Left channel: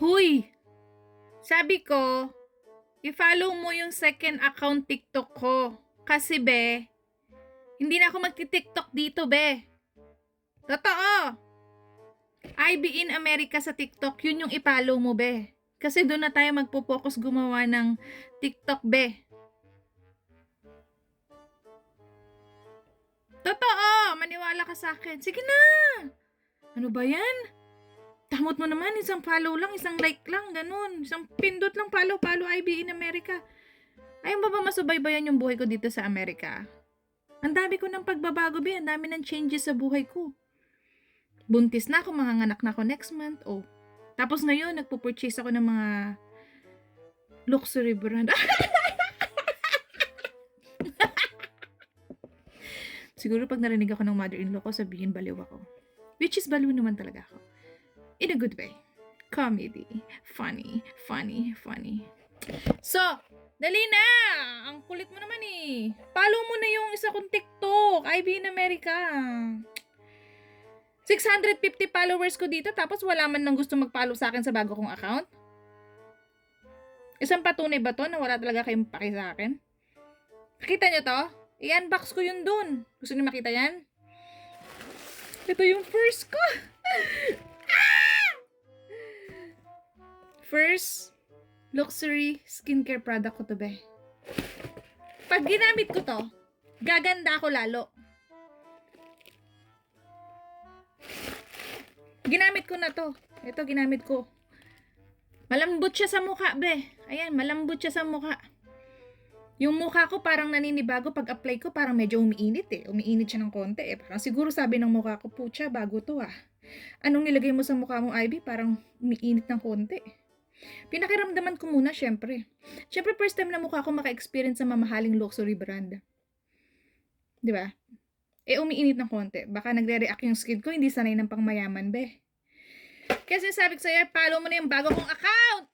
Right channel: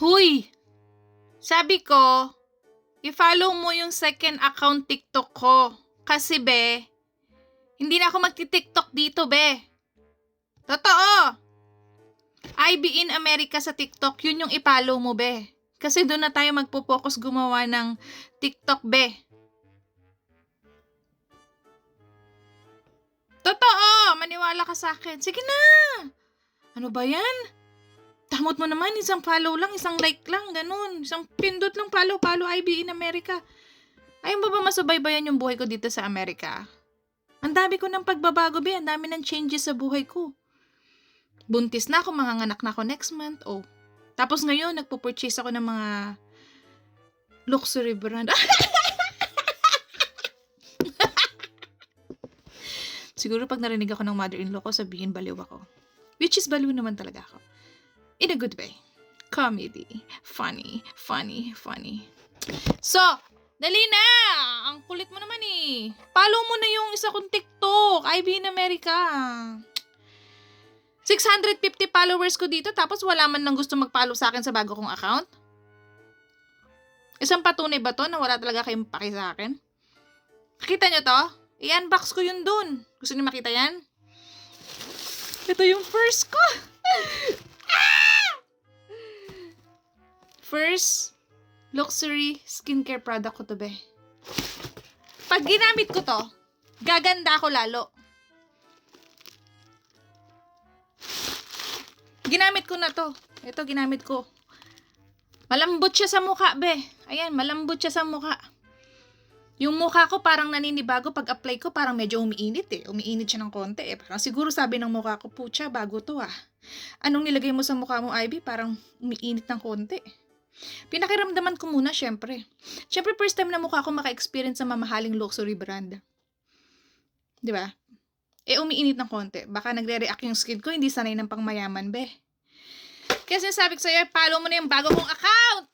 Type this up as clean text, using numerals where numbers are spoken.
Huy! Sabi ko, i-follow mo yung second account TikTok ko. Kasi be, hindi na ako magti-TikTok dito be. Totoo! IB in America sa TikTok, yun yung i-follow mo be. Kasi doon na tayo magpo-focus gumawa ng TikTok be. Totoo! Maniwala ka sa akin. Sige na! Ano ba yan? Tamot mo naman, isang follow lang, isang like lang, ganun. Isang pindot lang, follow, IB in America. Ayaw ba masubaybayan yung buhay ko dito sa Amerika? Ang dami ko ng pagbabago, be. Ang dami ng changes sa buhay ko. Buntis na ako, manganganak na ako next month. Oh. Tapos ngayon, nagpo-purchase ako ng mga luxury brand. Siguro pag narinig ako ng mother-in-law ko, sabihin baliw ako. Which is baliw naman talaga ako. In a good way. Comedy. Funny. So, dali na! Ang kulit mo naman eh. Follow mo na yung isa kong TikTok. IB in America. 650 followers ko dito tapos wala man lang gusto mag-follow sa akin sa bago kong account. Isang patunay ba to na wala talaga kayong paki sa akin? Nakita nyo to? I-unbox ko yun dun. Gusto niyo makita yan? Ito yung first ko. First luxury skincare product ko to be. Pag ginamit ko to, gaganda ako lalo. Ginamit ko na to. Ito, ginamit ko. Malambot siya sa mukha, be. Ayan, malambot siya sa mukha. Yung mukha ko parang naninibago. Pag apply ko, parang medyo umiinit eh. Umiinit siya ng konti eh. Parang siguro sabi ng mukha ko, pucha, bago to ah. Anong nilagay mo sa mukha mo, Ivy? Parang umiinit ng konti. Pinakiramdaman ko muna, syempre. Syempre, first time na mukha ko maka-experience sa mamahaling luxury brand. Di ba? Umiinit ng konti. Baka nagre-react yung skin ko, hindi sanay ng pangmayaman, be. Kasi sabi ko sa'yo, follow mo na yung bago kong account!